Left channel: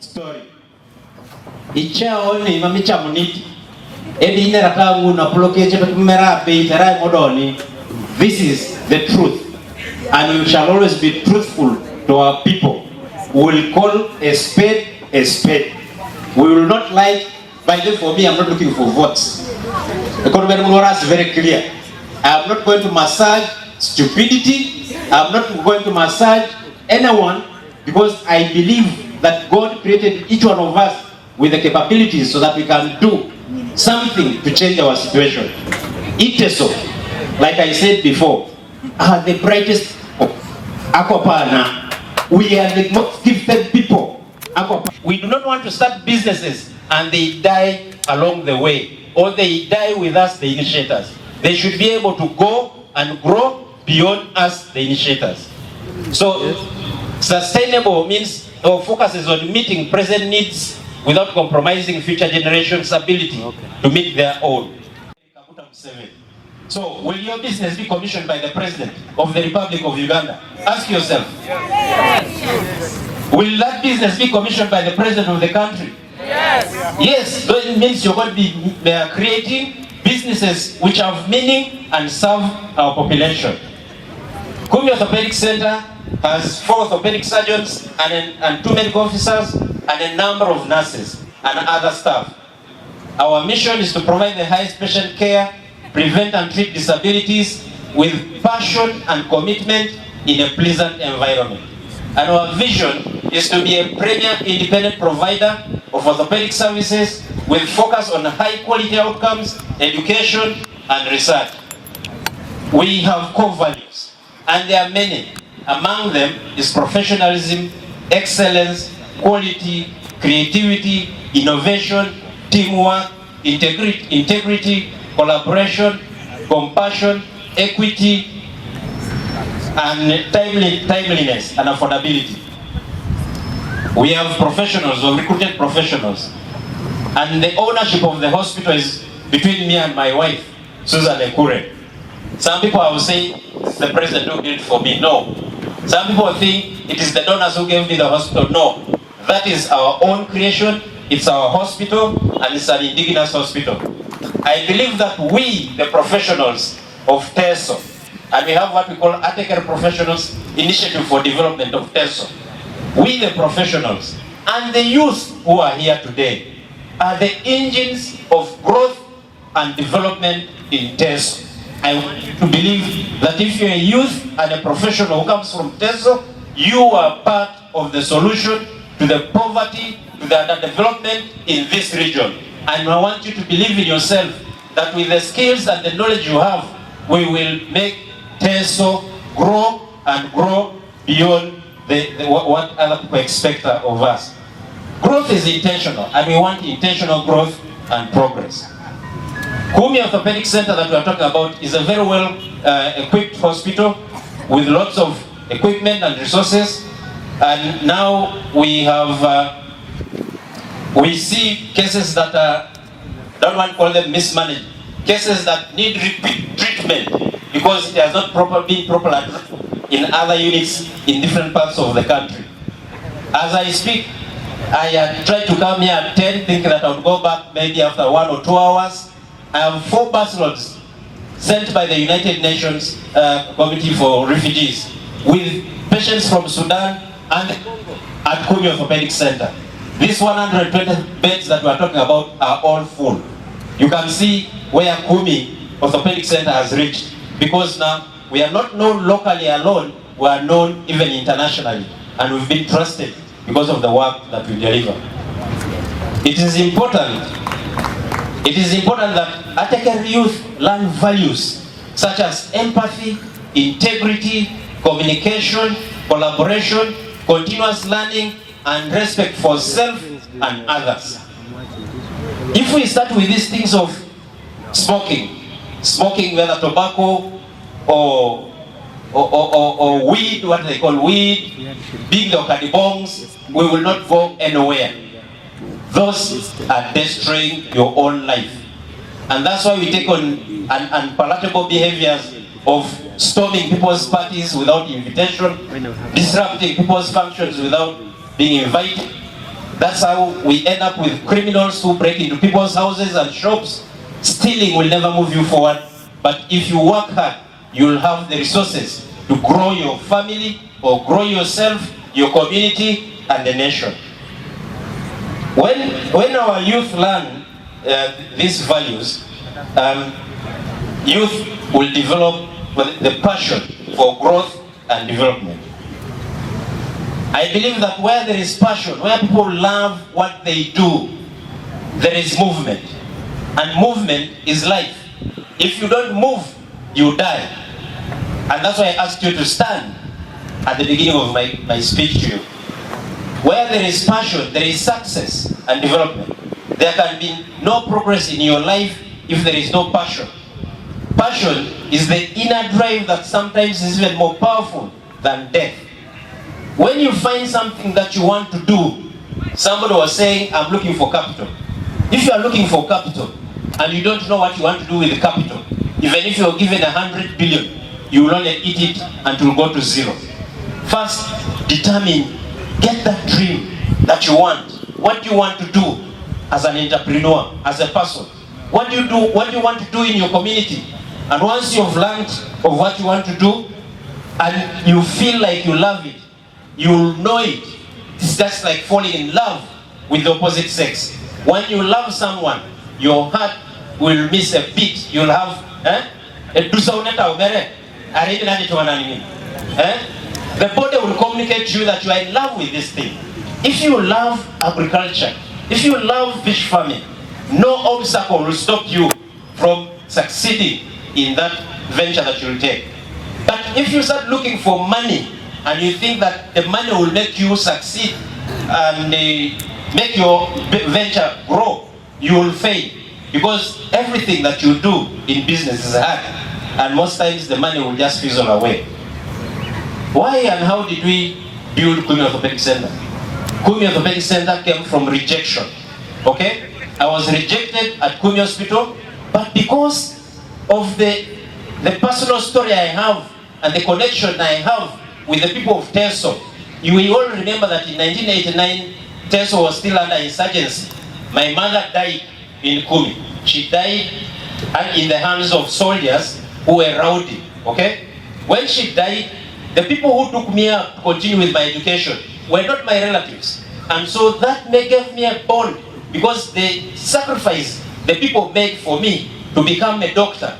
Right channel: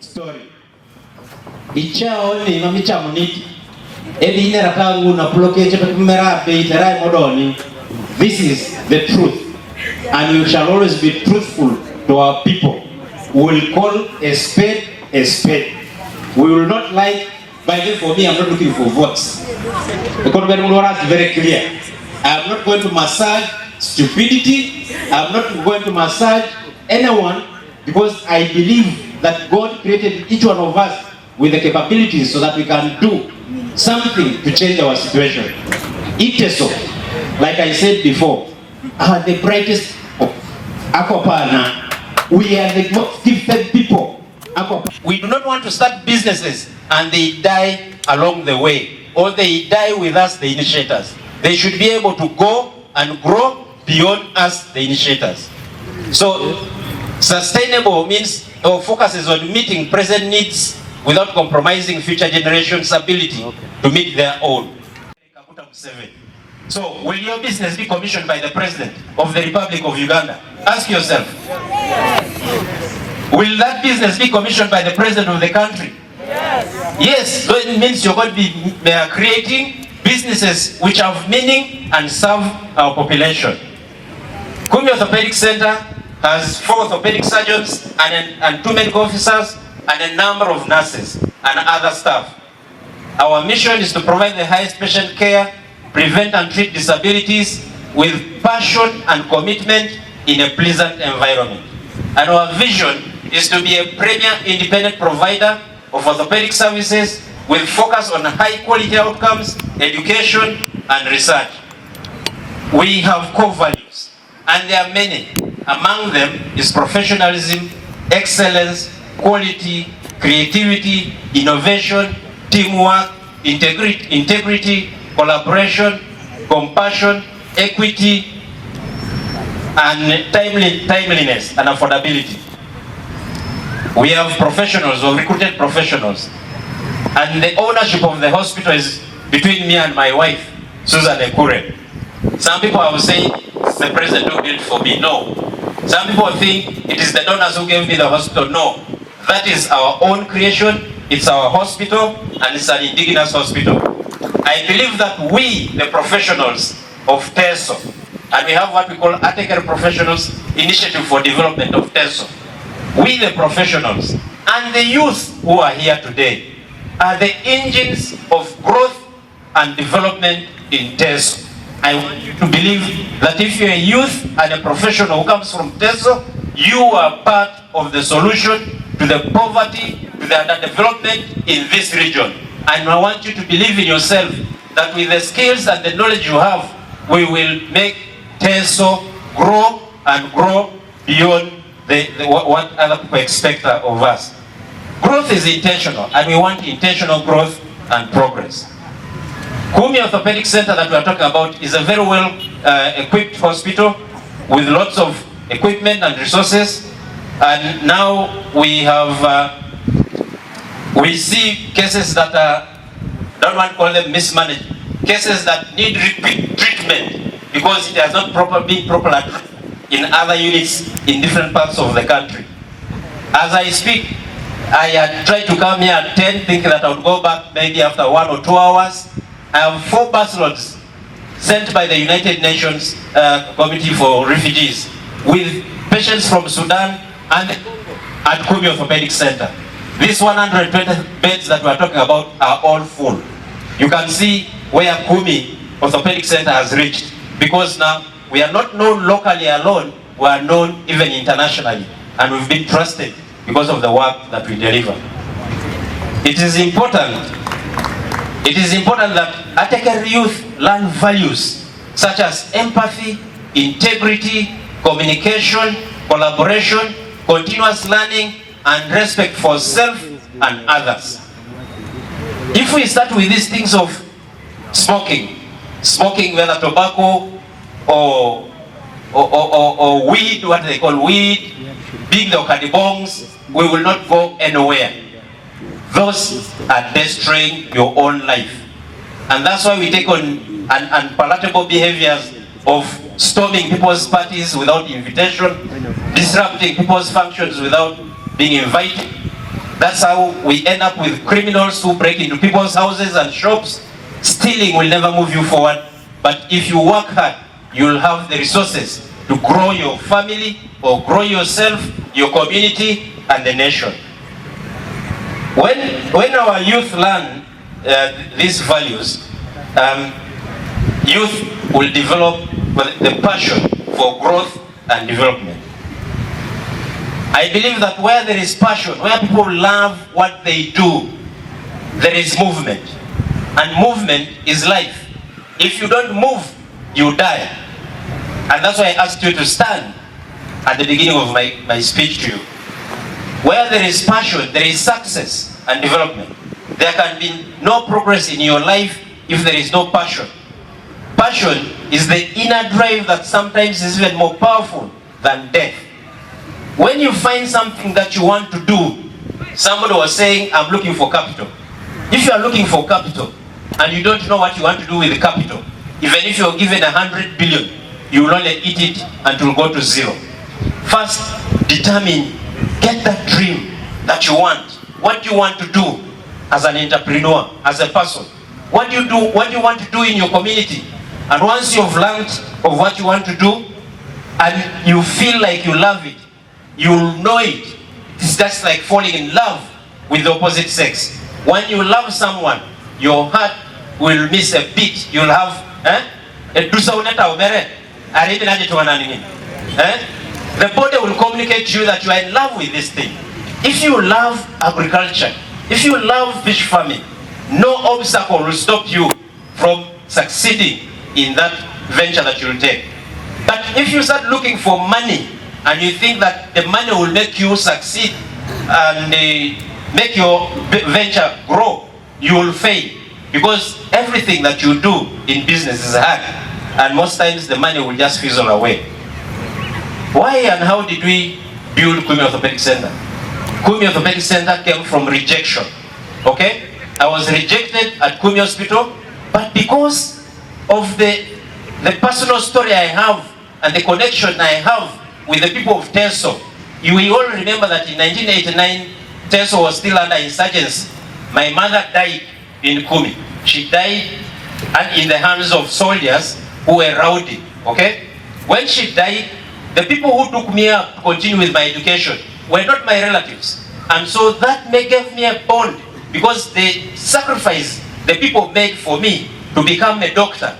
story. Ichao ni mamicha muniti. Edi nera kangu na blokeje petumera be iterai modoni. This is the truth, and we shall always be truthful to our people. We will call a spade a spade. We will not like. By the way, for me, I'm not looking for votes. The Convention is very clear. I am not going to massage stupidity. I am not going to massage anyone, because I believe that God created each one of us with the capabilities so that we can do something to change our situation. Iteso, like I said before, are the brightest. Akopana, we are the most gifted people. We do not want to start businesses and they die along the way, or they die with us, the initiators. They should be able to go and grow beyond us, the initiators. So sustainable means our focus is on meeting present needs without compromising future generations' ability to meet their own. So will your business be commissioned by the President of the Republic of Uganda? Ask yourself. Will that business be commissioned by the President of the country? Yes, so it means you're going to be creating businesses which have meaning and serve our population. Kumi Orthopedic Center has 4 orthopedic surgeons and 2 medical officers and a number of nurses and other staff. Our mission is to provide the highest patient care, prevent and treat disabilities with passion and commitment in a pleasant environment. And our vision is to be a premier independent provider of orthopedic services with focus on high quality outcomes, education and research. We have core values, and there are many. Among them is professionalism, excellence, quality, creativity, innovation, teamwork, integrity, collaboration, compassion, equity, and timeliness and affordability. We have professionals, or recruited professionals, and the ownership of the hospital is between me and my wife, John Ekure. Some people will say the president who did it for me. No. Some people think it is the donors who gave me the hospital. No. That is our own creation. It's our hospital, and it's an indigenous hospital. I believe that we, the professionals of Teso, and we have what we call Iteso Professionals Initiative for Development of Teso. We, the professionals, and the youth who are here today, are the engines of growth and development in Teso. I want you to believe that if you're a youth and a professional who comes from Teso, you are part of the solution to the poverty, to the underdevelopment in this region. And I want you to believe in yourself that with the skills and the knowledge you have, we will make Teso grow and grow beyond what other people expect of us. Growth is intentional, and we want intentional growth and progress. Kumi Orthopedic Center that we are talking about is a very well equipped hospital with lots of equipment and resources, and now we have we see cases that are, don't want to call them mismanaged, cases that need repeat treatment because it has not been properly addressed in other units in different parts of the country. As I speak, I had tried to come here at 10 thinking that I would go back maybe after 1 or 2 hours. I have 4 busloads sent by the United Nations Committee for Refugees with patients from Sudan and at Kumi Orthopedic Center. These 120 beds that we are talking about are all full. You can see where Kumi Orthopedic Center has reached, because now we are not known locally alone, we are known even internationally, and we've been trusted because of the work that we deliver. It is important that Iteso youth learn values such as empathy, integrity, communication, collaboration, continuous learning, and respect for self and others. If we start with these things of smoking, whether tobacco or weed, what they call weed, being the okadibongs, we will not go anywhere. Those are destroying your own life. And that's why we take on unpalatable behaviors of storming people's parties without invitation, disrupting people's functions without being invited, That's how we end up with criminals who break into people's houses and shops. Stealing will never move you forward, but if you work hard, you'll have the resources to grow your family or grow yourself, your community, and the nation. When our youth learn these values, youth will develop the passion for growth and development. I believe that where there is passion, where people love what they do, there is movement. And movement is life. If you don't move, you die. And that's why I asked you to stand at the beginning of my speech to you. Where there is passion, there is success and development. There can be no progress in your life if there is no passion. Passion is the inner drive that sometimes is even more powerful than death. When you find something that you want to do, somebody was saying, I'm looking for capital. If you are looking for capital and you don't know what you want to do with the capital, even if you're given 100 billion, you will only eat it until go to zero. First, determine, get that dream that you want. What do you want to do as an entrepreneur, as a person? What do you want to do in your community? And once you've learned of what you want to do and you feel like you love it, you'll know it. It's just like falling in love with the opposite sex. When you love someone, your heart will miss a beat. You'll have the body will communicate to you that you are in love with this thing. If you love agriculture, if you love fish farming, no obstacle will stop you from succeeding in that venture that you'll take. But if you start looking for money and you think that the money will make you succeed and make your venture grow, you will fail. Because everything that you do in business is hard, and most times the money will just fizzle away. Why and how did we build Kumi Orthopedic Center? Kumi Orthopedic Center came from rejection. Okay? I was rejected at Kumi Hospital, but because of the personal story I have and the connection I have with the people of Teso, you will all remember that in 1989, Teso was still under insurgency. My mother died in Kumi. She died in the hands of soldiers who were rowdy. Okay? When she died, the people who took me up to continue with my education were not my relatives. And so that gave me a bond, because the sacrifice the people made for me to become a doctor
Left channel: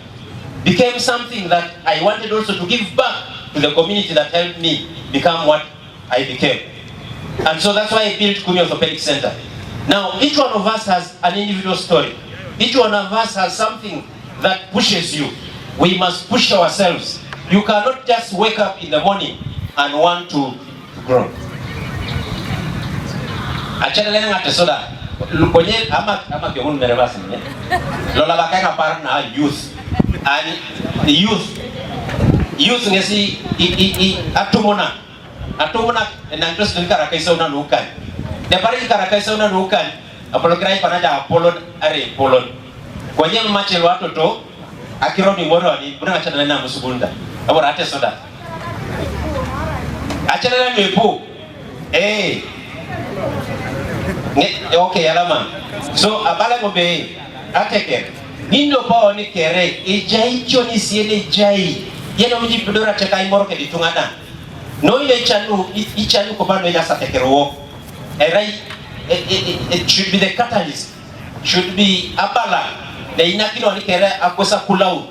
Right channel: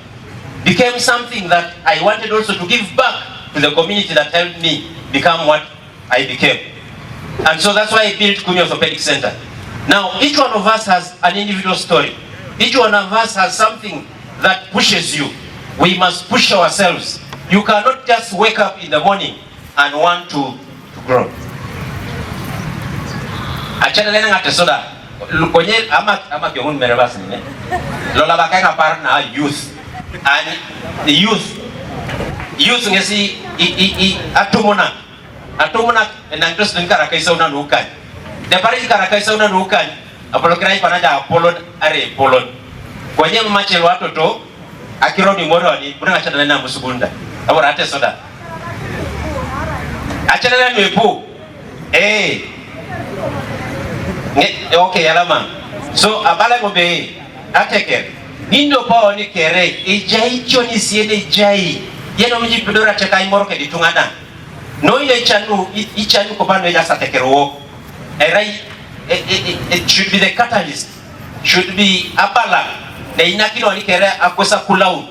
became something that I wanted also to give back to the community that helped me become what I became. And so that's why I built Kumi Orthopedic Center. Now, each one of us has an individual story. Each one of us has something that pushes you. We must push ourselves. You cannot just wake up in the morning and want to grow. Achana lena ngate soda. Lukonye ama kiongun merabasi ne. Lola bakai kapar na youth. And the youth ngesi atumona na interest ngara kaisa una nukan. De pare ngara kaisa una nukan. Apolo krai panaja apolo are polon. Kwenye mmache watoto akironi moro ni buna achana lena musugunda. Abora ate soda. Achana lena nepo. Okay, alama. So abala gobe ateke. Nindo pa oni kere ejai choni siene jai. Yeno mji pidora chaka imoro ke ditungana. No ile ichanu ko bano ya satekero. Erai it should be the catalyst. Should be abala. De inakilo oni kere akwesa kulau.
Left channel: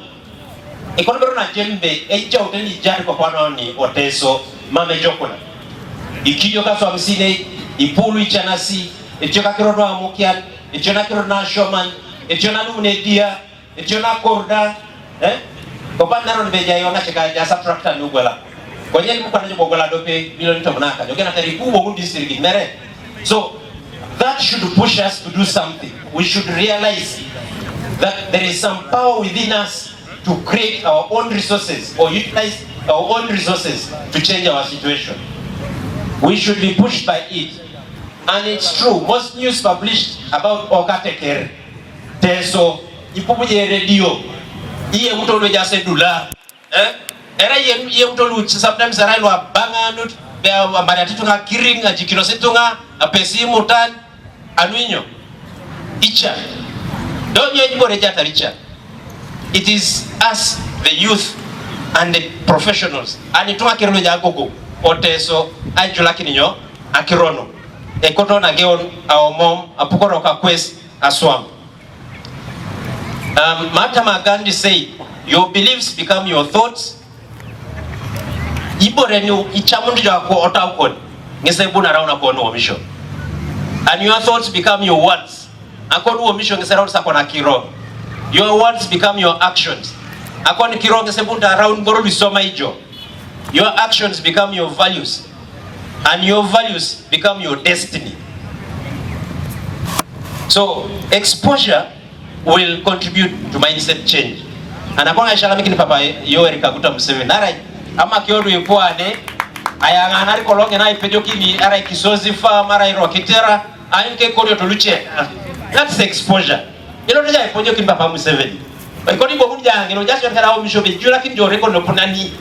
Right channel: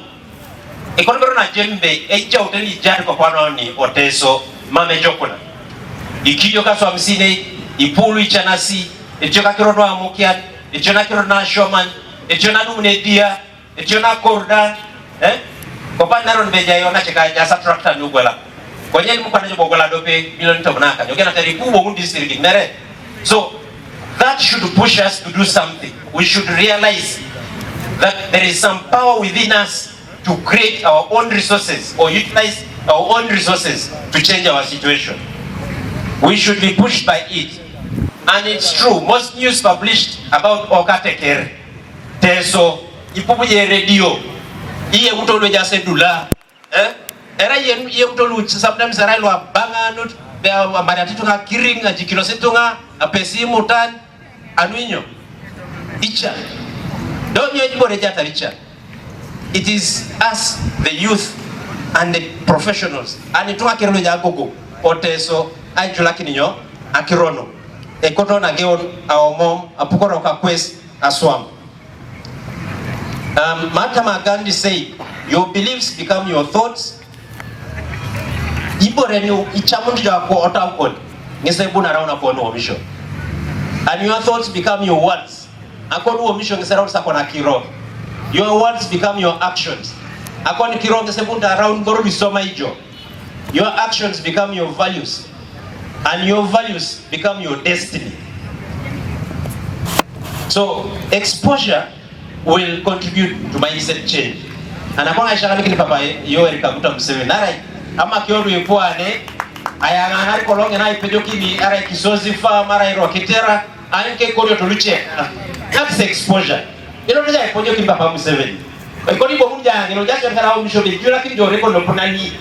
Ekonomi na jembe eja uteli jari kwa kwano ni Oteso mame jokuna. Ikijo kaso amsine ipulu ichanasi echona kirono amukian echona kirono shoman echona nunedia echona korda kopanda ron beja yona cheka jasa tractor nugola kwenye mukwana nyo bogola dope milioni tonaka yogena tariku bo district mere. So that should push us to do something. We should realize that there is some power within us to create our own resources or utilize our own resources to change our situation. We should be pushed by it. And it's true, most news published about Okateker, Teso, Ipubuje radio, Iye Utolo Jasedula, Era Ye Utolu, sometimes Arailwa Banganut, Bea Maratitunga, Kiring, Jikinosetunga, apesimu tan anuinyo icha don't you go reja taricha. It is us, the youth and the professionals and it wakirno jagogo oteso ajulaki ninyo akirono ekoto na geon awomom apukoro ka quest aswam. Mahatma Gandhi said, your beliefs become your thoughts. Ibo renyo ichamundu jako otakon ngesebuna rauna kwa no mission. And your thoughts become your words. Akonu wo mission ngeserauna sakona kiro. Your words become your actions. Akoni kiro ngesebunda around goro bisoma ijo. Your actions become your values. And your values become your destiny. So exposure will contribute to mindset change. And akona ishaka mikini papa Yoweri Kaguta Museveni narai ama kiodu ipuane ayangana kolonge na ipejo kimi ara kisozi fa mara irokitera anke korio toluche. That's exposure. Ilo nja ipejo kimi papa Museveni. Kodi bo munja ngelo jasho kala misho be jula kin jore ko nopunani.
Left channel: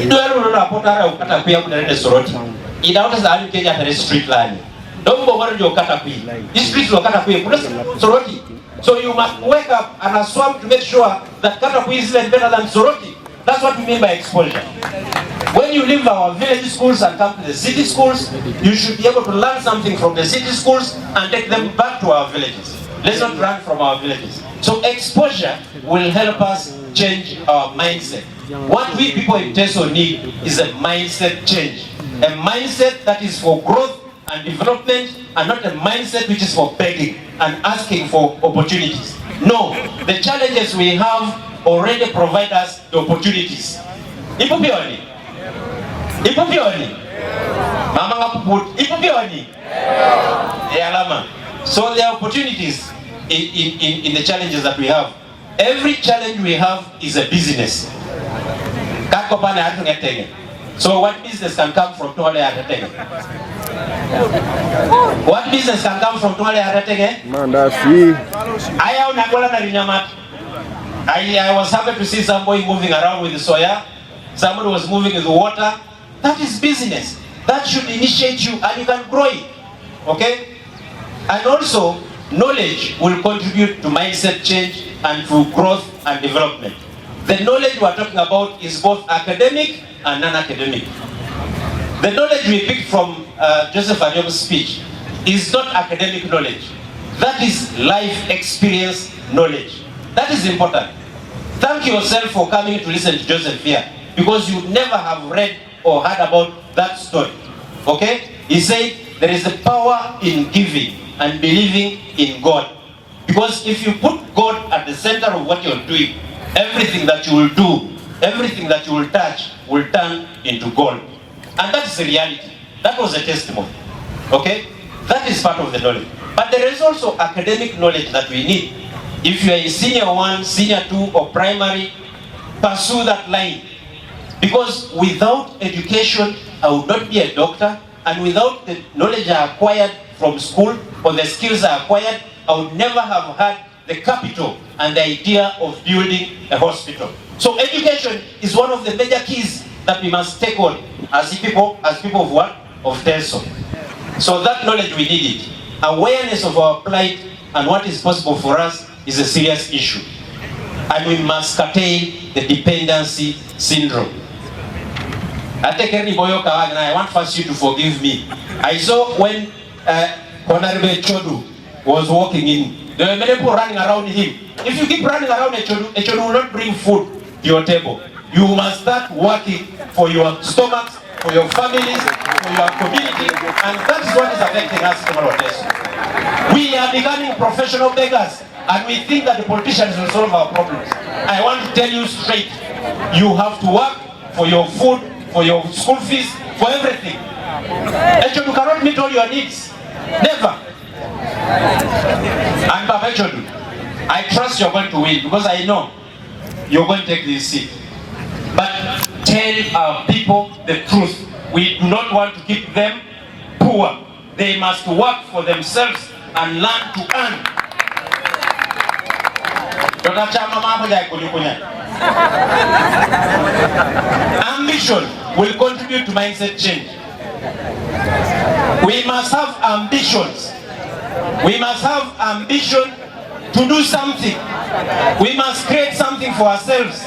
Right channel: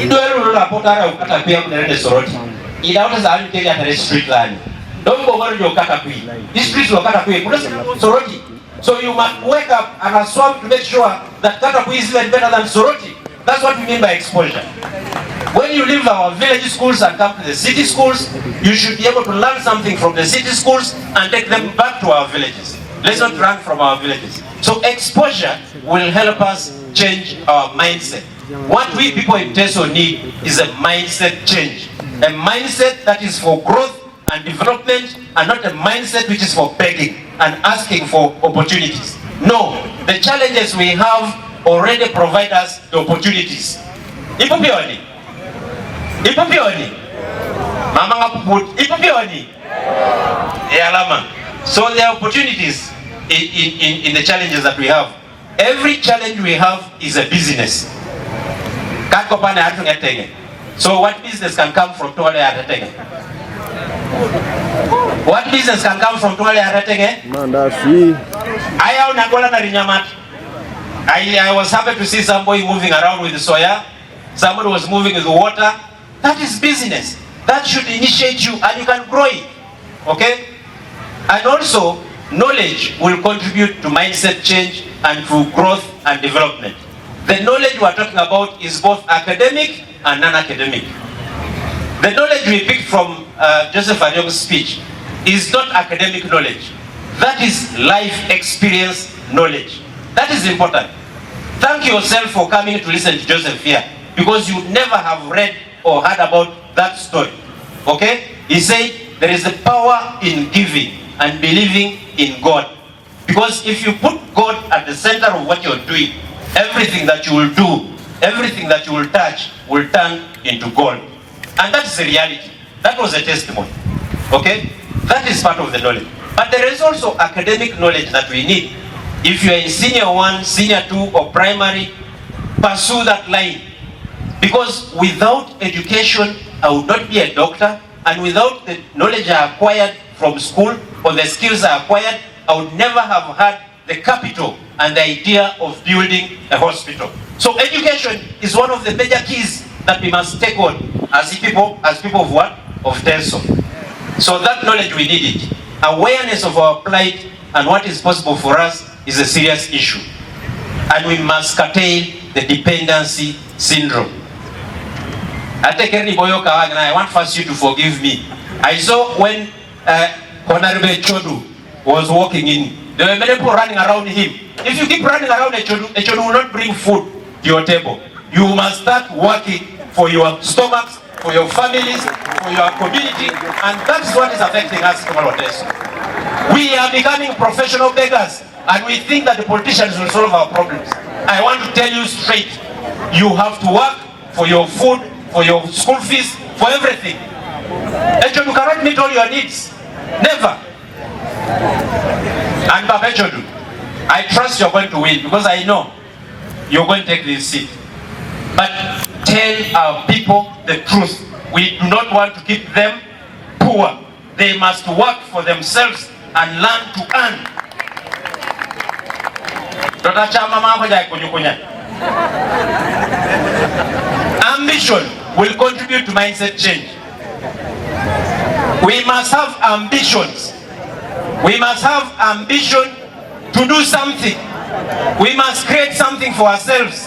Ido elo la potara ukata pia kunene soroti. Ida wata za anke ya tare street line. Dombo wano jo kata pia. This street lo kata pia kuna soroti. So you must wake up and swam to make sure that Katapui is even better than Soroti. That's what we mean by exposure. When you leave our village schools and come to the city schools, you should be able to learn something from the city schools and take them back to our villages. Let's not run from our villages. So exposure will help us change our mindset. What we people in Teso need is a mindset change. A mindset that is for growth and development and not a mindset which is for begging and asking for opportunities. No, the challenges we have already provide us the opportunities. Ipupioni. Mama ngapuput. Ipupioni. Yalama. So there are opportunities in the challenges that we have. Every challenge we have is a business. So what business can come from Tuale Atatenge? What business can come from Tuale Atatenge? Mandasi. I was happy to see somebody moving around with the soya. Somebody was moving with the water. That is business. That should initiate you and you can grow it. Okay? And also, knowledge will contribute to mindset change and to growth and development. The knowledge we are talking about is both academic and non-academic. The knowledge we picked from Joseph Anyong's speech is not academic knowledge. That is life experience knowledge. That is important. Thank yourself for coming to listen to Joseph here, because you never have read or heard about that story. Okay? He said there is a power in giving and believing in God. Because if you put God at the center of what you're doing, everything that you will do, everything that you will touch will turn into gold. And that's the reality. That was a testimony. Okay? That is part of the knowledge. But there is also academic knowledge that we need. If you are in senior 1, senior 2 or primary, pursue that line. Because without education, I would not be a doctor. And without the knowledge I acquired from school or the skills I acquired, I would never have had the capital and the idea of building a hospital. So education is one of the major keys that we must take on as people of what? Of Teso. So that knowledge we need it. Awareness of our plight and what is possible for us is a serious issue. And we must curtail the dependency syndrome. I want first you to forgive me. I saw when Honorable Chodu was walking in, there were many people running around him. If you keep running around Chodu will not bring food to your table. You must start working for your stomachs, for your families, for your community, and that's what is affecting us in Teso. We are becoming professional beggars, and we think that the politicians will solve our problems. I want to tell you straight, you have to work for your food, for your school fees, for everything. Echodu, you cannot meet all your needs. Never. And Papa Echodu, I trust you're going to win because I know you're going to take this seat. But tell our people the truth. We do not want to keep them poor. They must work for themselves and learn to earn. Ambition will contribute to mindset change. We must have ambitions. We must have ambition to do something. We must create something for ourselves.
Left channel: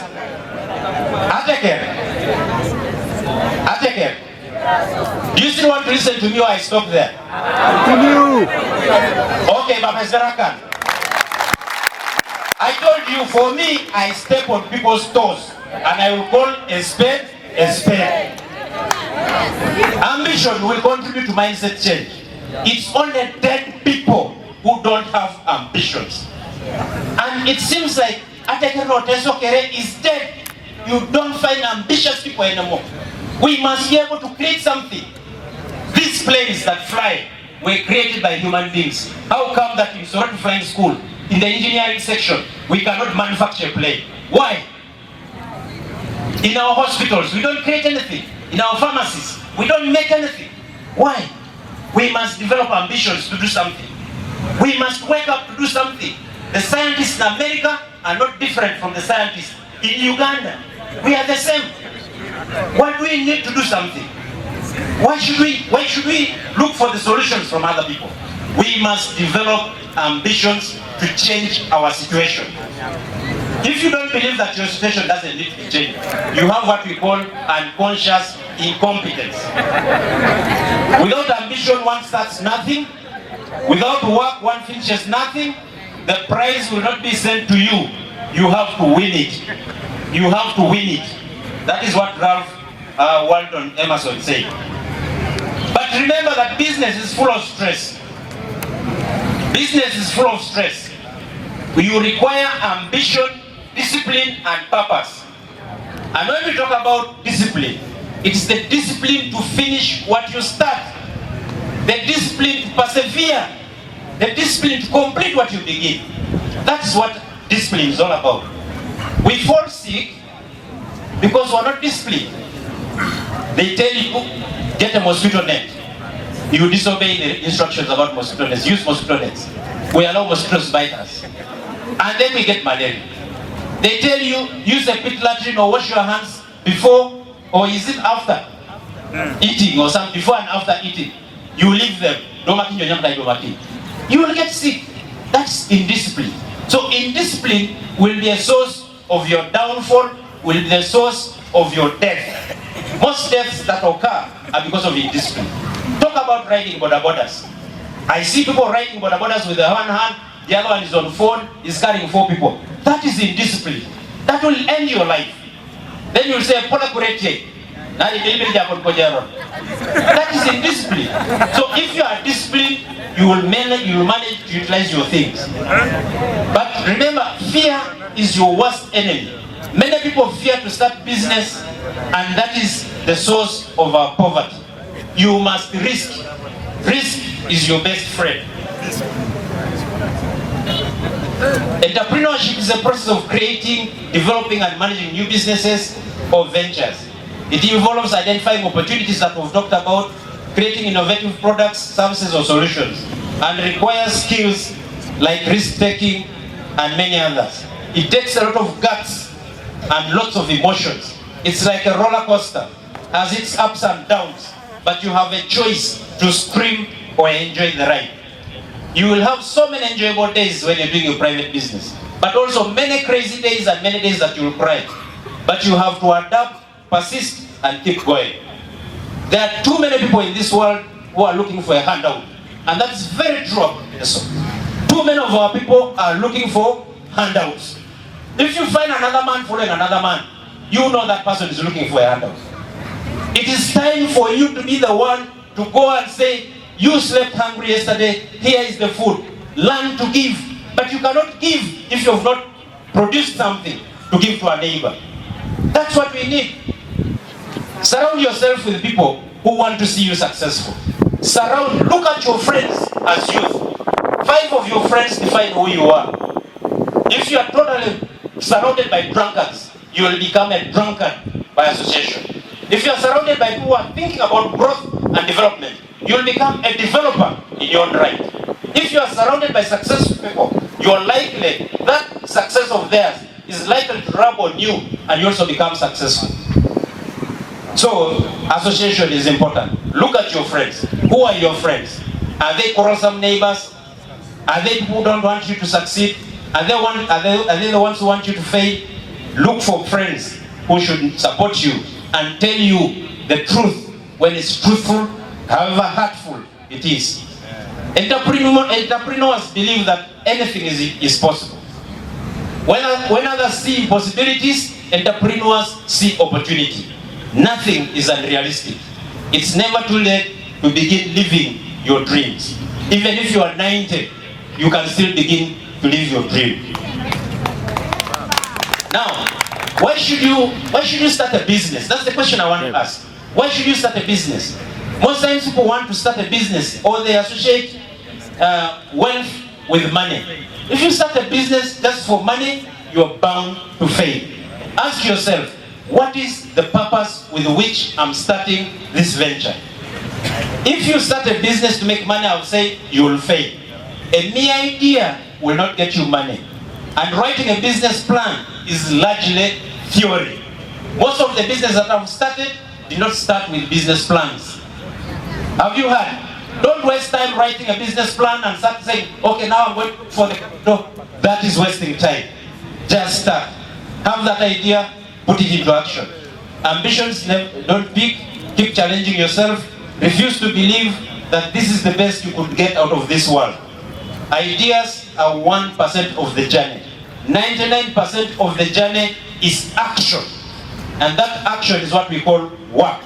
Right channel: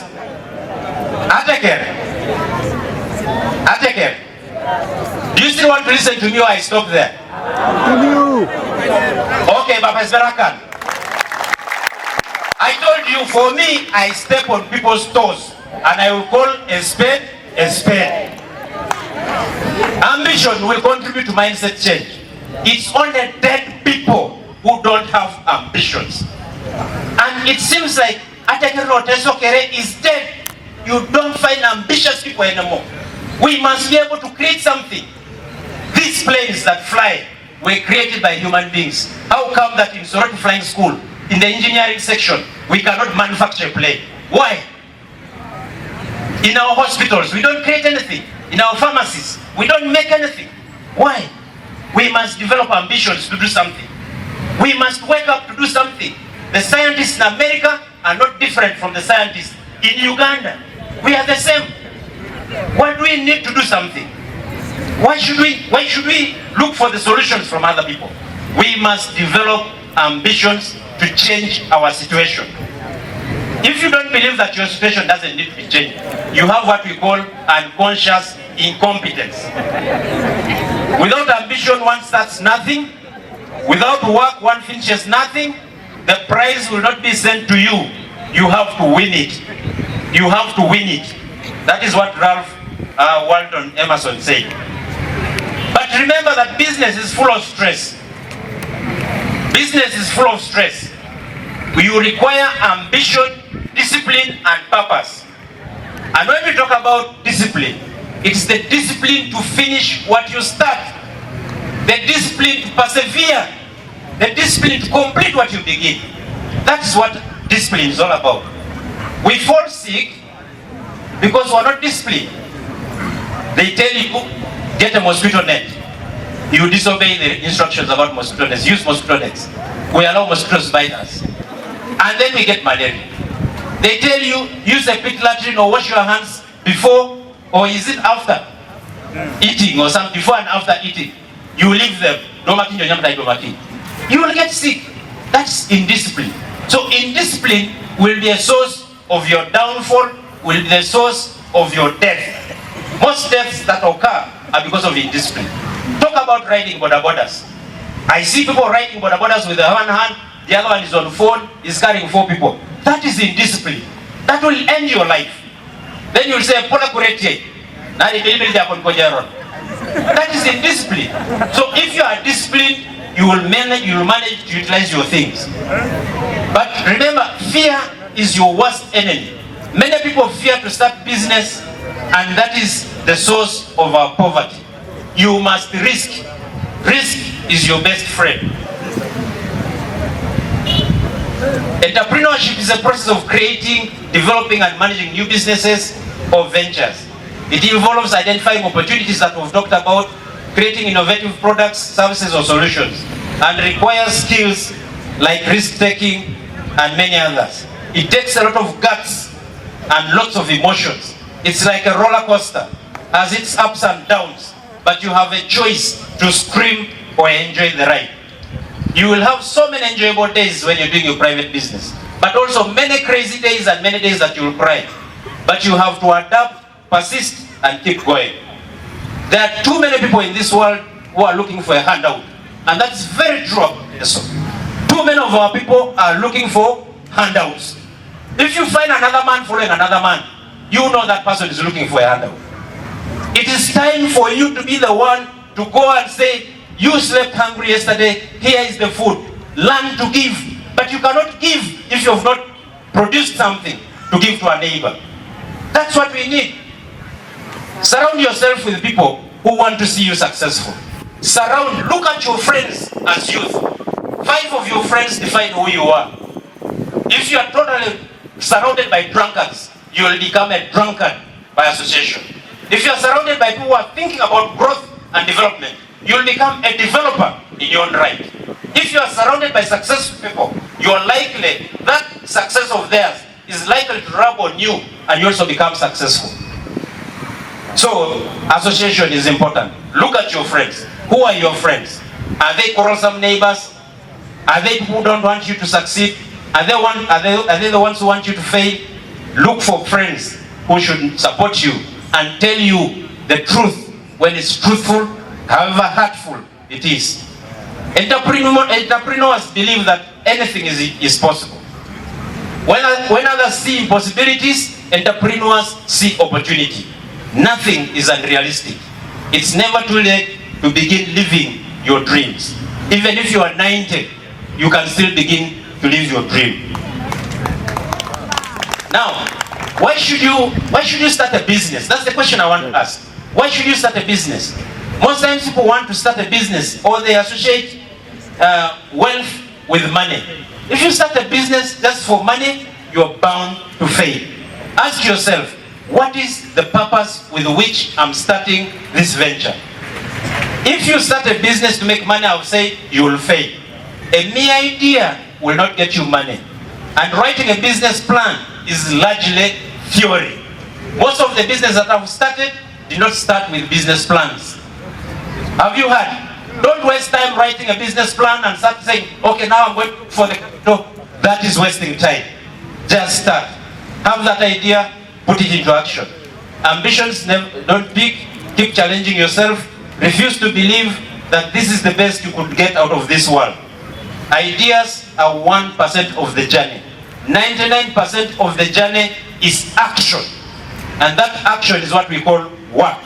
Atekere. Do you still want to listen to me or I stop there? Continue. Okay, Baba Zarakan. I told you, for me, I step on people's toes and I will call a spade a spade. Ambition will contribute to mindset change. It's only dead people who don't have ambitions. And it seems like Teso Youth is dead. You don't find ambitious people anymore. We must be able to create something. These planes that fly were created by human beings. How come that in Soroti Flying School, in the engineering section, we cannot manufacture a plane? Why? In our hospitals, we don't create anything. In our pharmacies, we don't make anything. Why? We must develop ambitions to do something. We must wake up to do something. The scientists in America are not different from the scientists in Uganda. We are the same. Why do we need to do something? Why should we look for the solutions from other people? We must develop ambitions to change our situation. If you don't believe that your situation doesn't need to be changed, you have what we call unconscious incompetence. Without ambition, one starts nothing. Without work, one finishes nothing. The prize will not be sent to you. You have to win it. You have to win it. That is what Ralph Waldo Emerson said. But remember that business is full of stress. Business is full of stress. You require ambition, discipline, and purpose. And when we talk about discipline, it's the discipline to finish what you start. The discipline to persevere. The discipline to complete what you begin. That's what discipline is all about. We fall sick because we're not disciplined. They tell you, get a mosquito net. You disobey the instructions about mosquito nets. Use mosquito nets. We allow mosquitoes to bite us. And then we get malaria. They tell you, use a pit latrine or wash your hands before, or is it after eating, or some before and after eating. You leave them. You will get sick. That's indiscipline. So indiscipline will be a source of your downfall, will be the source of your death. Most deaths that occur are because of indiscipline. Talk about riding border borders. I see people riding border borders with one hand, the other one is on phone, is carrying 4 people. That is indiscipline. That will end your life. Then you'll say, Pola Kuretje. That is indiscipline. So if you are disciplined, you will manage to utilize your things. But remember, fear is your worst enemy. Many people fear to start business, and that is the source of our poverty. You must risk. Risk is your best friend. Entrepreneurship is a process of creating, developing, and managing new businesses or ventures. It involves identifying opportunities that we've talked about, creating innovative products, services, or solutions, and requires skills like risk-taking and many others. It takes a lot of guts and lots of emotions. It's like a roller coaster, has its ups and downs, but you have a choice to scream or enjoy the ride. You will have so many enjoyable days when you're doing your private business, but also many crazy days and many days that you will cry. But you have to adapt, persist, and keep going. There are too many people in this world who are looking for a handout, and that's very true about Teso. Too many of our people are looking for handouts. If you find another man following another man, you know that person is looking for a handout. It is time for you to be the one to go and say, you slept hungry yesterday, here is the food. Learn to give. But you cannot give if you have not produced something to give to a neighbor. That's what we need. Surround yourself with people who want to see you successful. Look at your friends as youth. 5 of your friends define who you are. If you are totally surrounded by drunkards, you will become a drunkard by association. If you are surrounded by people who are thinking about growth and development, you will become a developer in your own right. If you are surrounded by successful people, you are likely that success of theirs is likely to rub on you and you also become successful. So association is important. Look at your friends. Who are your friends? Are they quarrelsome neighbors? Are they people who don't want you to succeed? Are they the ones who want you to fail? Look for friends who should support you and tell you the truth when it's truthful, however hurtful it is. Entrepreneurs believe that anything is possible. When others see impossibilities, entrepreneurs see opportunity. Nothing is unrealistic. It's never too late to begin living your dreams. Even if you are 90, you can still begin to live your dream. Now, why should you start a business? That's the question I want to ask. Why should you start a business? Most times people want to start a business or they associate wealth with money. If you start a business just for money, you're bound to fail. Ask yourself, what is the purpose with which I'm starting this venture? If you start a business to make money, I would say you will fail. A mere idea will not get you money. And writing a business plan is largely theory. Most of the business that I've started did not start with business plans. Have you heard? Don't waste time writing a business plan and start saying, okay, now I'm going for the capital. That is wasting time. Just start. Have that idea, put it into action. Ambitions don't peak. Keep challenging yourself. Refuse to believe that this is the best you could get out of this world. Ideas are 1% of the journey. 99% of the journey is action. And that action is what we call work.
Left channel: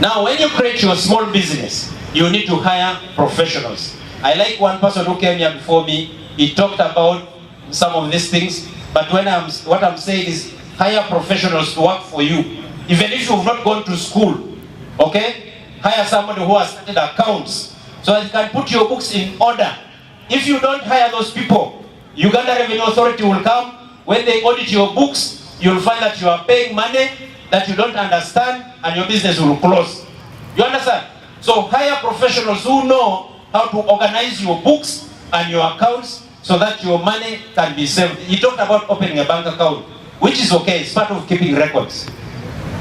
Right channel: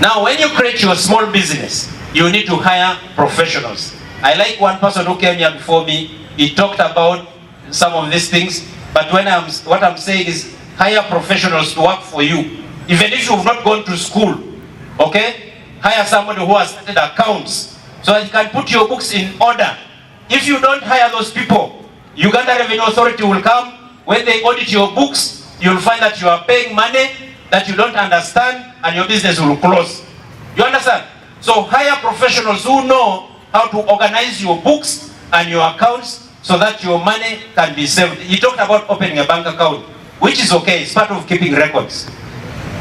Now, when you create your small business, you need to hire professionals. I like one person who came here before me. He talked about some of these things. But what I'm saying is hire professionals to work for you. Even if you've not gone to school, okay? Hire somebody who has started accounts so that you can put your books in order. If you don't hire those people, Uganda Revenue Authority will come. When they audit your books, you'll find that you are paying money that you don't understand and your business will close. You understand? So hire professionals who know how to organize your books and your accounts so that your money can be saved. He talked about opening a bank account, which is okay, it's part of keeping records.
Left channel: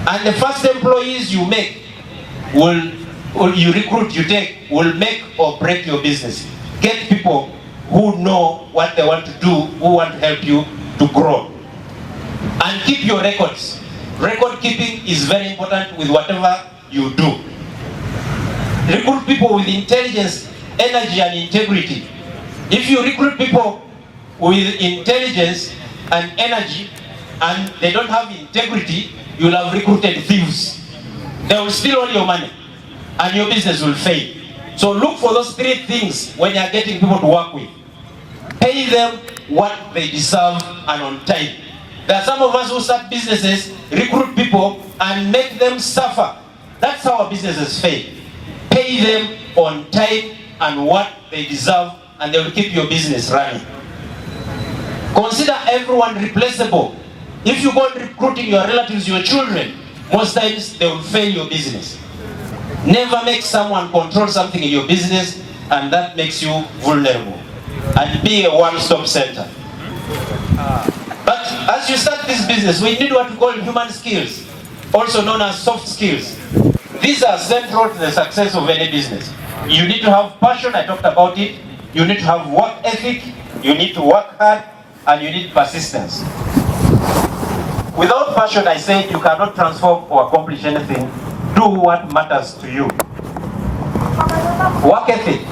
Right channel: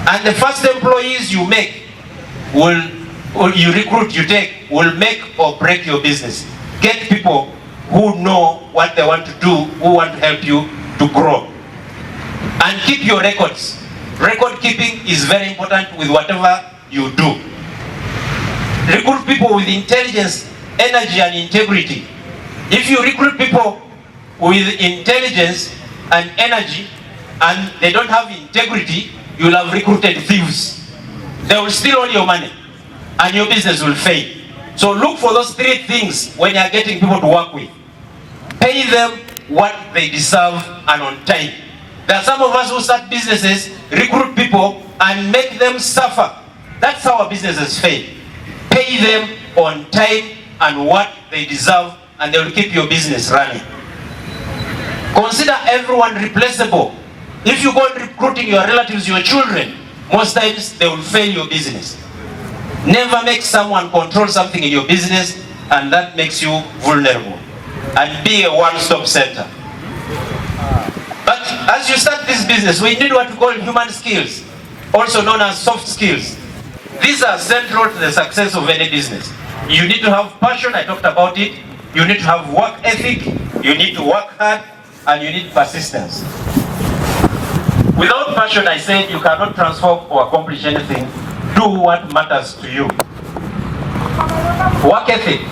And the first employees you make will make or break your business. Get people who know what they want to do, who want to help you to grow. And keep your records. Record keeping is very important with whatever you do. Recruit people with intelligence, energy, and integrity. If you recruit people with intelligence and energy and they don't have integrity, you will have recruited thieves. They will steal all your money and your business will fail. So look for those three things when you are getting people to work with. Pay them what they deserve and on time. There are some of us who start businesses, recruit people and make them suffer. That's how our businesses fail. Pay them on time and what they deserve and they will keep your business running. Consider everyone replaceable. If you go recruiting your relatives, your children, most times they will fail your business. Never make someone control something in your business and that makes you vulnerable. And be a one-stop center. But as you start this business, we need what we call human skills, also known as soft skills. These are central to the success of any business. You need to have passion, I talked about it. You need to have work ethic, you need to work hard, and you need persistence. Without passion, I said, you cannot transform or accomplish anything. Do what matters to you. Work ethic.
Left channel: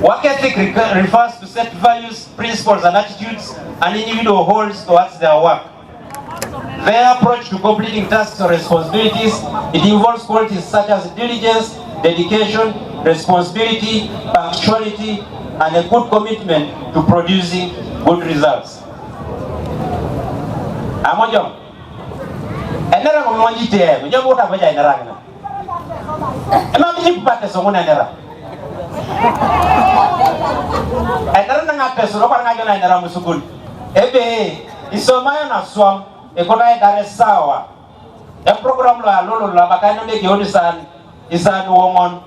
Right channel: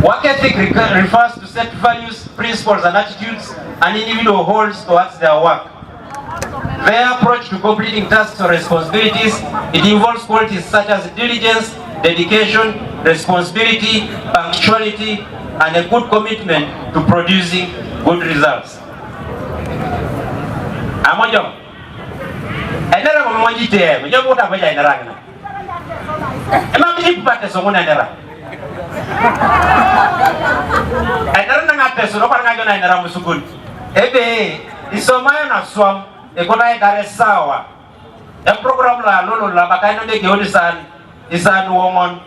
Work ethic refers to set values, principles, and attitudes an individual holds towards their work. Their approach to completing tasks or responsibilities, it involves qualities such as diligence, dedication, responsibility, punctuality, and a good commitment to producing good results. Amojo. Enera mmonjite, mjobo utakoja enera ngina. Ema mji pate somuna enera. Enera nga peso no kwanga jona enera musukuni. Ebe isomayo na swam ekona edare sawa. E program la lolo la bakaino de geoni san isan womon.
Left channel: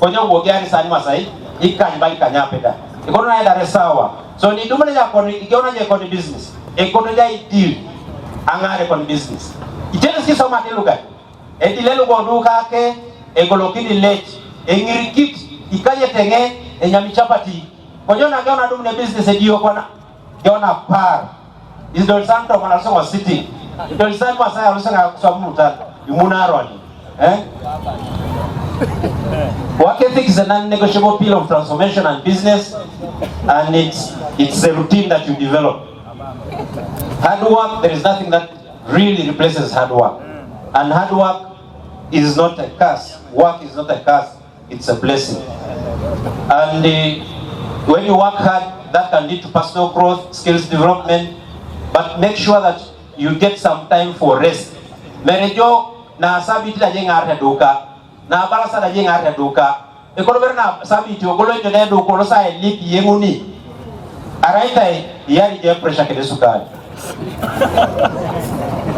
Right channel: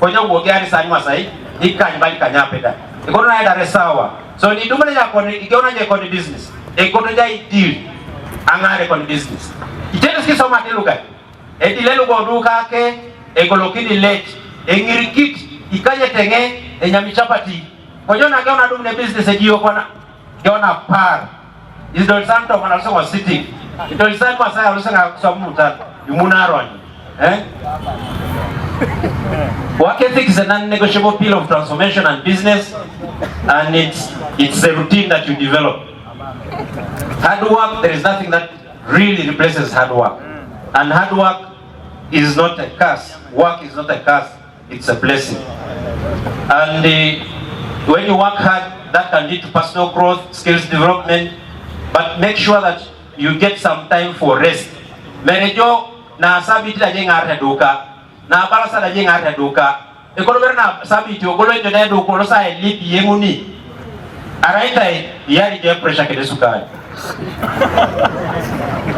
Konyo wogiani san masai ikany bali kanyapeda. Ekona edare sawa. So ni dumele ya koni igeona je koni business. Ekona ja deal angare koni business. Iteso kisoma teluga. Edilelo goduka ke egolokini late. Engirikit ikaje tenge enyamichapati. Kojona kaona dumne business edio kona. Kaona par. Idol santo kana so was sitting. Idol santo asaya ulusanga kuswamuta. Yumunaroni. Work ethic is a non-negotiable pillar of transformation and business, and it's a routine that you develop. Hard work, there is nothing that really replaces hard work. And hard work is not a curse. Work is not a curse, it's a blessing. And when you work hard, that can lead to personal growth, skills development, but make sure that you get some time for rest. Merejo na sabiti la jenga arte duka, na balasa la jenga arte duka. Ekonomi na sabiti ogolo ende duko losa elipi yenguni. Araita yari je pressure kede sukari.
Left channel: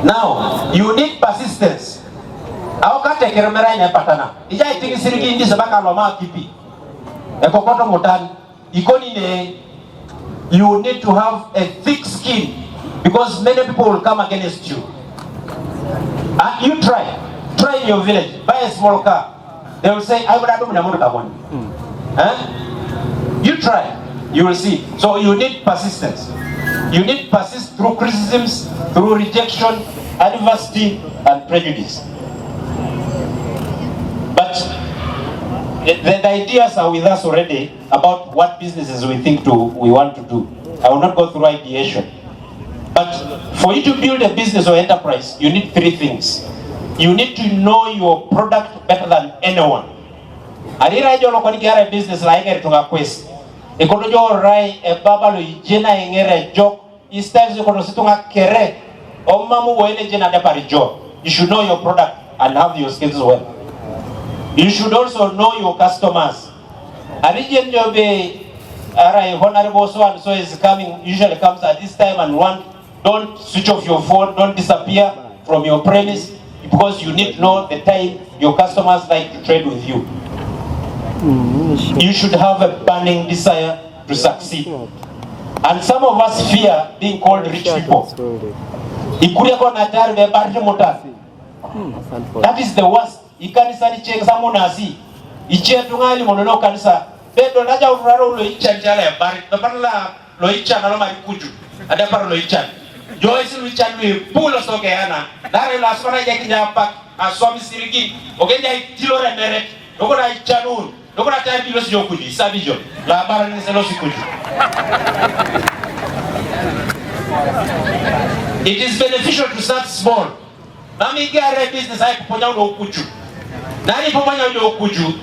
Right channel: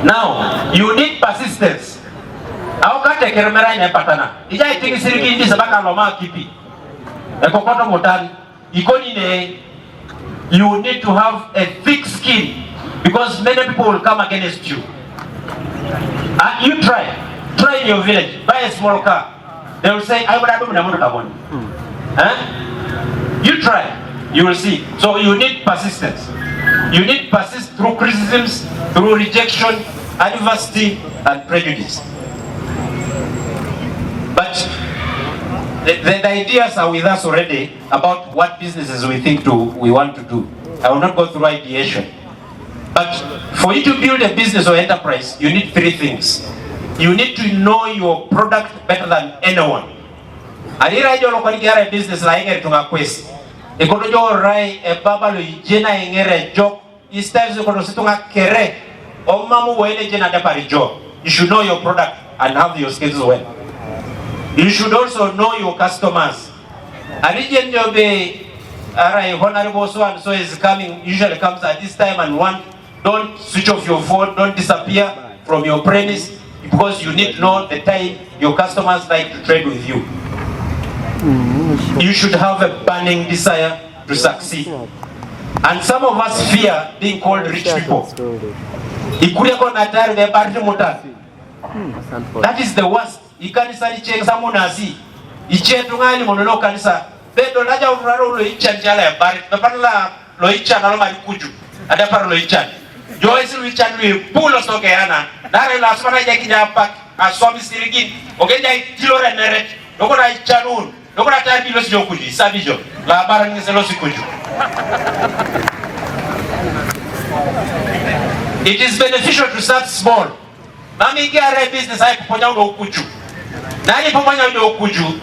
Now, you need persistence. Au kate keremera ina patana. Ija itingi siriki indi sabaka loma kipi. Ekokoto motani. Ikoni ne, you need to have a thick skin because many people will come against you. You try in your village, buy a small car. They will say, I would have done You try, you will see. So you need persistence. You need persist through criticisms, through rejection, adversity, and prejudice. But the ideas are with us already about what businesses we want to do. I will not go through ideation. But for you to build a business or enterprise, you need three things. You need to know your product better than anyone. Alira jolo kwa nikiara business la ingeri tunga kwesi. Ekono jo rai e baba lo jena ingere jo. Istiles ekono situnga kere. Omamu wene jena depari jo. You should know your product and have your skills well. You should also know your customers. Alijen jobe arai honorable so and so is coming, usually comes at this time and don't switch off your phone, don't disappear from your premise because you need to know the time your customers like to trade with you. You should have a burning desire to succeed. And some of us fear being called rich people. That is the worst. Ikanisa ni chenga munasi. Ichetungani monono kanisa. Bedo naja uraro lo ichanjala ya bari. Beparla lo ichan alo marikuju. Ada para lo ichan. Joyce lo ichan lo pulo soke ana. Dare la aswana ya kinyapa aswami sirigin. Ogenja itilore nere. Doko na ichanun. Doko na tayari lo sijo kuji. Sabijo. La bara ni selo sikuju. It is beneficial to start small. Mami kiare business ai kuponya ulo ukuju. Nani poponya ulo ukuju.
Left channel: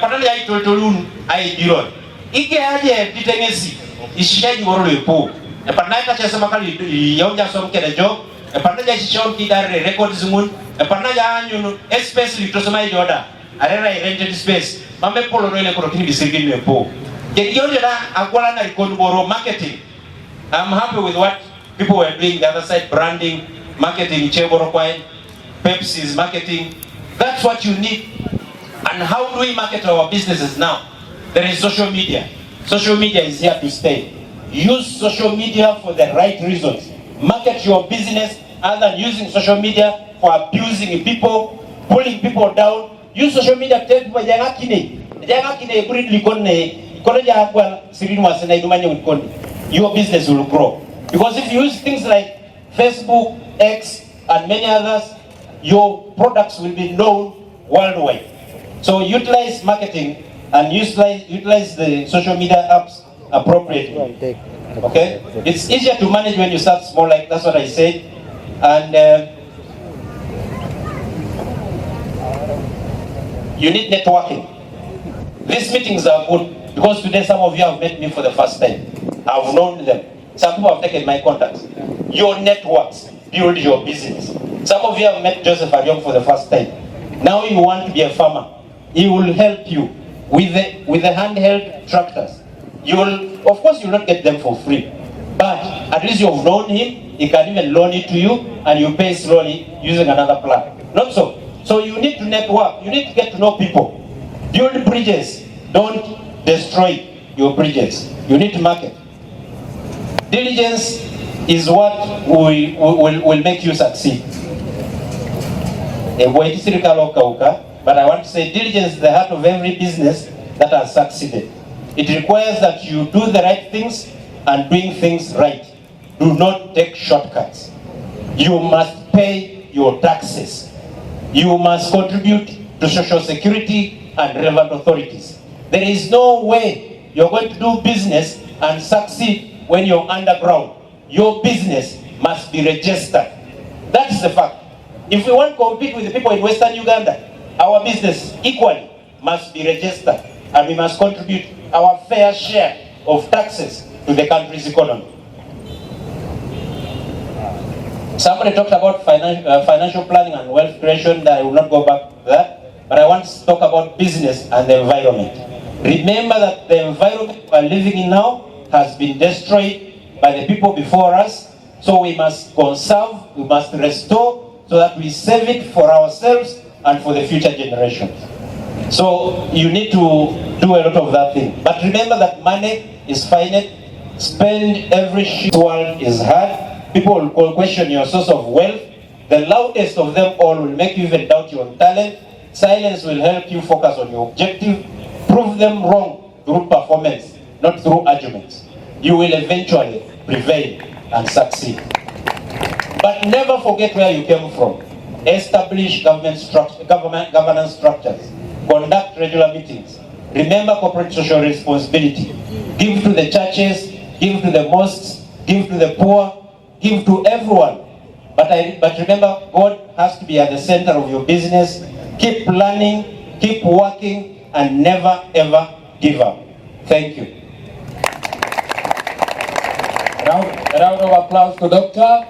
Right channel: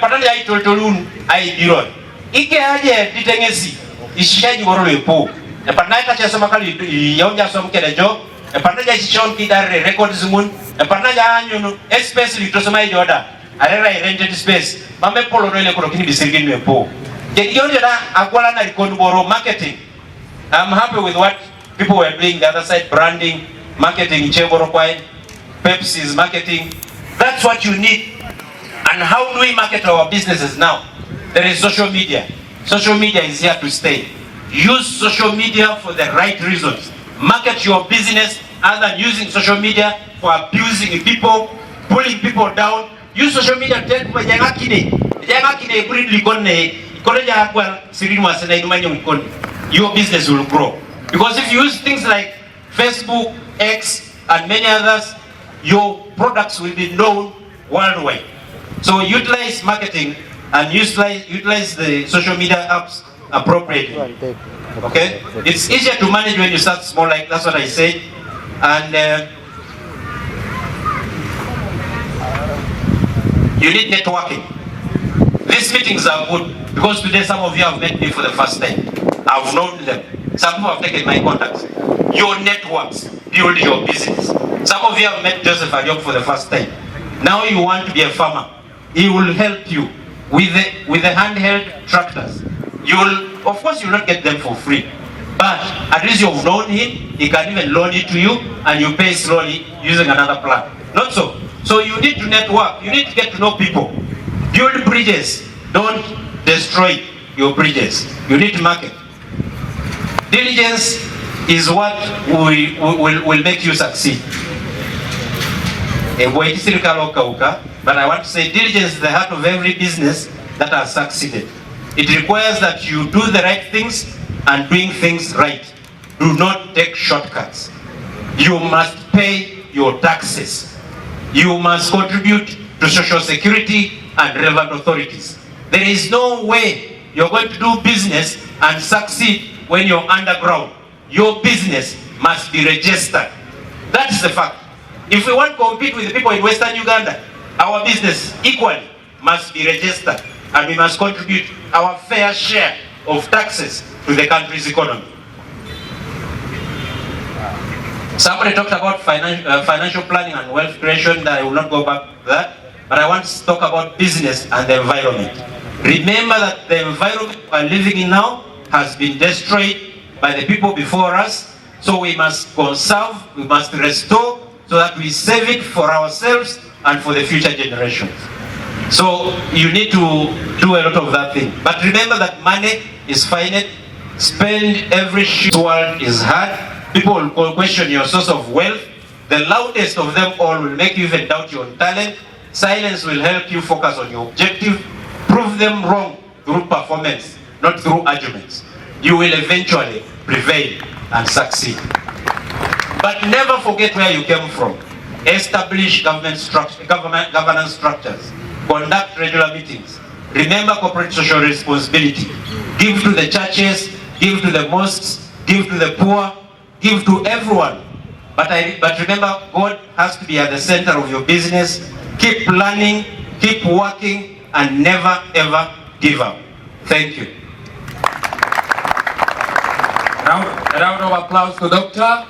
Patali ya itoltolun ai diron. Ike aje ditengesi. Ishiaji woro lepo. Panaita chesa makali yonja som kerejo. Panaja chichon kidare records mun. Panaja anyu space litosoma ijoda. Arera rented space. Mame polo no ile korokini disirgin lepo. Kegionje da akwala na record boro marketing. I'm happy with what people were doing the other side, branding, marketing, Cheboro Kwai, Pepsi's marketing. That's what you need. And how do we market our businesses now? There is social media. Social media is here to stay. Use social media for the right reasons. Market your business other than using social media for abusing people, pulling people down. Use social media to tell people, your business will grow. Because if you use things like Facebook, X, and many others, your products will be known worldwide. So utilize marketing and utilize the social media apps appropriately. Okay? It's easier to manage when you start small, like that's what I said. And you need networking. These meetings are good because today some of you have met me for the first time. I've known them. Some people have taken my contacts. Your networks build your business. Some of you have met Joseph Adiok for the first time. Now you want to be a farmer. He will help you with the handheld tractors. Of course, you will not get them for free, but at least you've known him. He can even loan it to you, and you pay slowly using another plan. Not so. So you need to network. You need to get to know people. Build bridges. Don't destroy your bridges. You need to market. Diligence is what will make you succeed. But I want to say diligence is the heart of every business that has succeeded. It requires that you do the right things and doing things right. Do not take shortcuts. You must pay your taxes. You must contribute to social security and relevant authorities. There is no way you're going to do business and succeed when you're underground. Your business must be registered. That's the fact. If we want to compete with the people in Western Uganda, our business equally must be registered, and we must contribute our fair share of taxes to the country's economy. Somebody talked about financial planning and wealth creation. That I will not go back to that, but I want to talk about business and the environment. Remember that the environment we are living in now has been destroyed by the people before us, so we must conserve, we must restore, so that we save it for ourselves and for the future generations. So you need to do a lot of that thing. But remember that money is finite. Spend every shit. This world is hard. People will question your source of wealth. The loudest of them all will make you even doubt your own talent. Silence will help you focus on your objective. Prove them wrong through performance, not through arguments. You will eventually prevail and succeed. But never forget where you came from. Establish governance structures. Conduct regular meetings. Remember corporate social responsibility. Give to the churches, give to the mosques, give to the poor, give to everyone. But remember, God has to be at the center of your business. Keep learning, keep working, and never ever give up. Thank you. A round of applause to Doctor.